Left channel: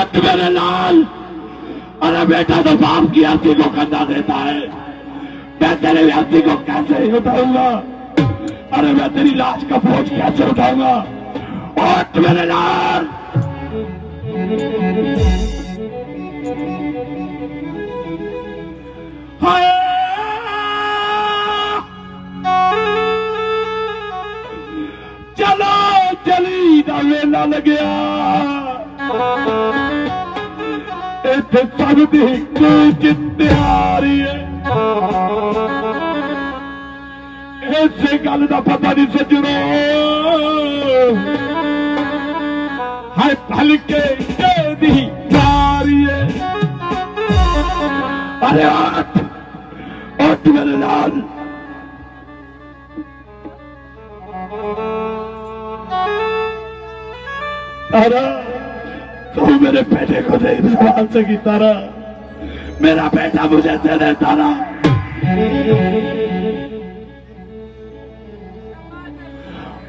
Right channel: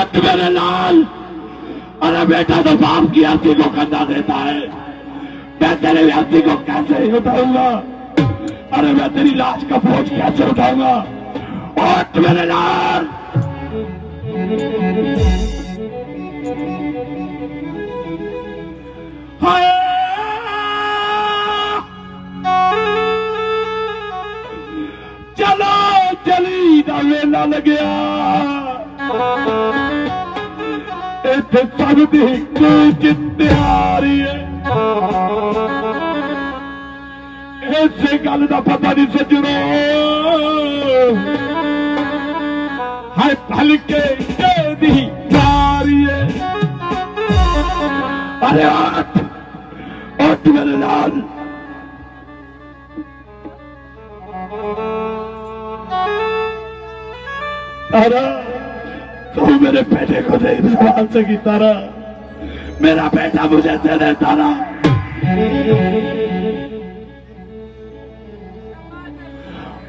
हट मेरे लाल। अरे बेटा तो बाप की अर्थी को कंधा देता है, मैं तेरे अर्थी को कैसे उठाऊंगा? अरे मैं तेरी लाश का बोझ कैसे उठाऊंगा? हट मेरे लाल। हाय चलो चली दा वेला लग्या, इत्थे सब दी कोई तैयारी है। इसे गल दा पता नहीं सजणो, हाय भलके दी यारी है। अरे उठ मेरे लाल। तारा तू मेरे बेटे को देख सवाल से की तारा, मेरा बेटा मुझे दे दे तारा।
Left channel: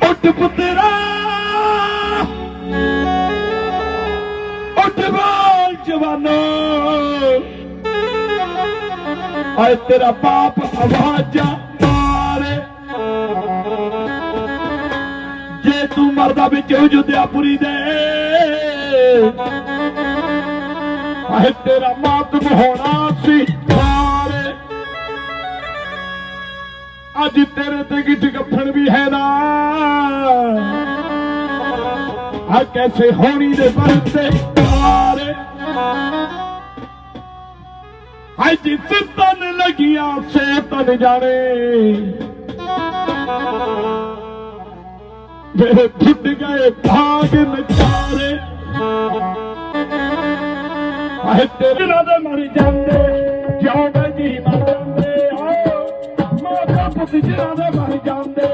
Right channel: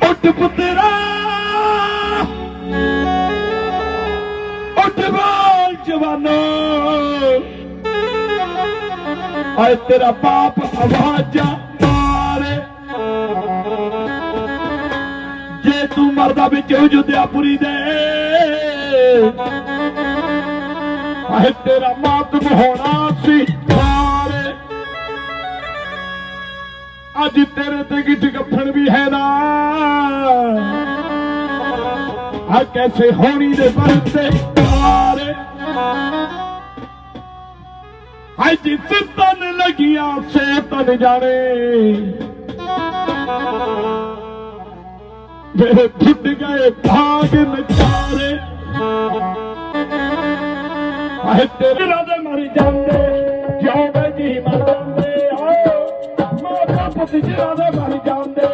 उठ पुत्रा, उठ बोल जवानो, आए तेरा बाप आवाजा मारे। जे तू मरदा बिच जुद्यापुरी दे, आए तेरा मातम होना सी मारे। अज तेरे ते गिठ गफन भी है ना, आ कैसे होनी दे बरते मारे। हाय जिस तन लगिया से तन जाने, मेरे फुट गए भाग नचारे। हाय तेरे राजा मर जाते, जिंदे जी मर जाते हो, माता पुत जिंदे मर जाते,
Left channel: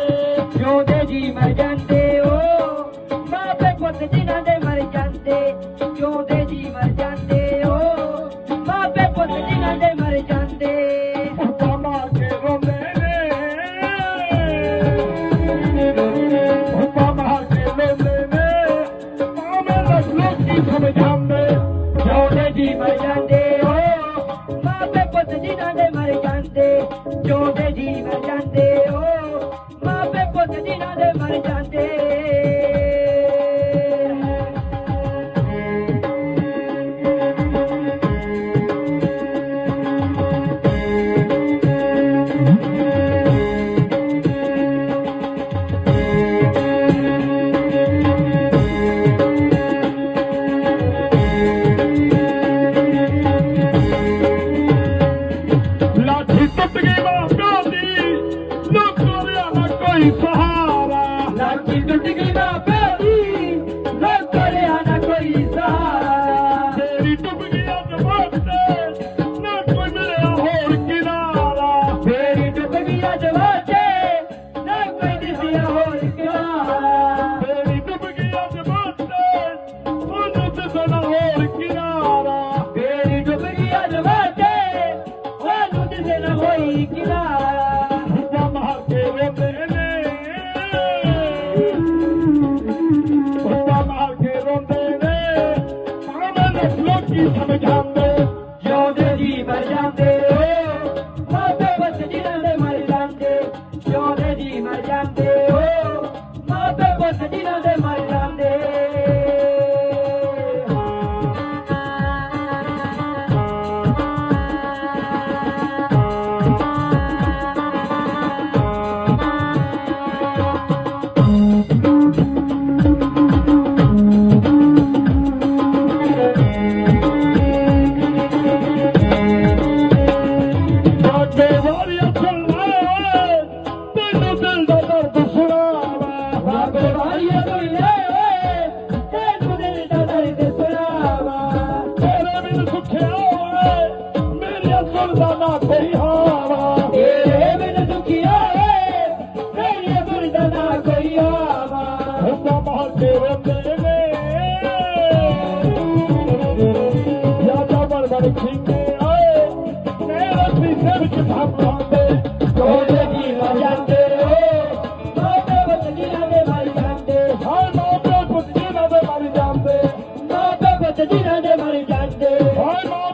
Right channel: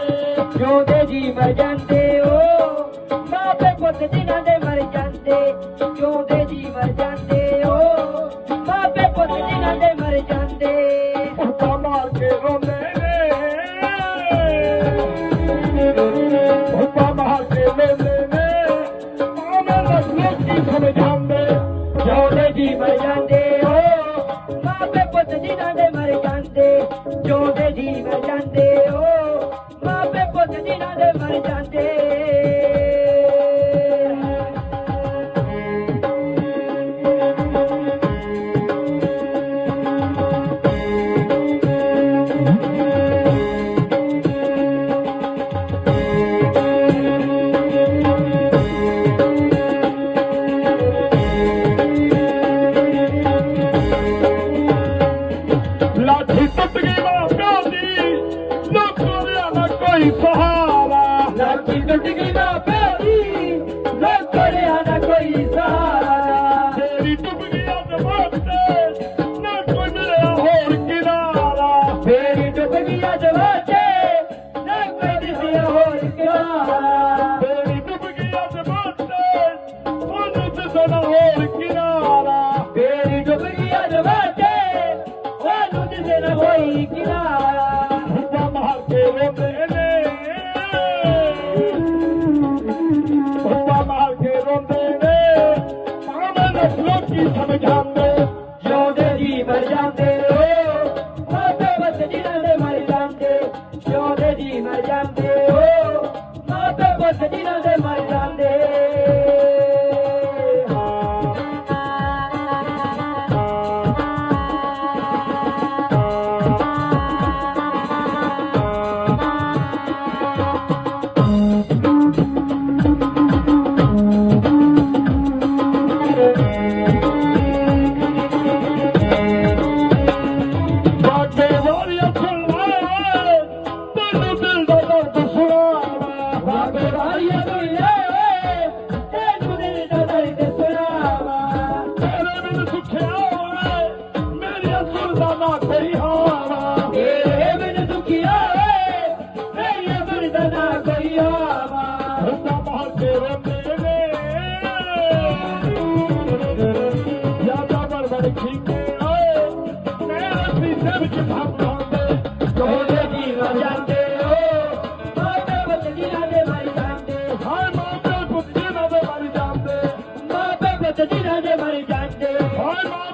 जिंदे जी मर जाते हो, माता पुत जिंदे मर जाते, जिंदे जी मर जाते हो, माता पुत जिंदे मर जाते। उनका मार के रोने उनका मार के रोने हम जाते, जिंदे जी मर जाते हो, माता पुत जिंदे मर जाते, जिंदे जी मर जाते हो, माता पुत जिंदे मर जाते। ਦਿਨਾਂ ਦੇ ਮਰ ਜਾਂਦੇ ਹਾਏ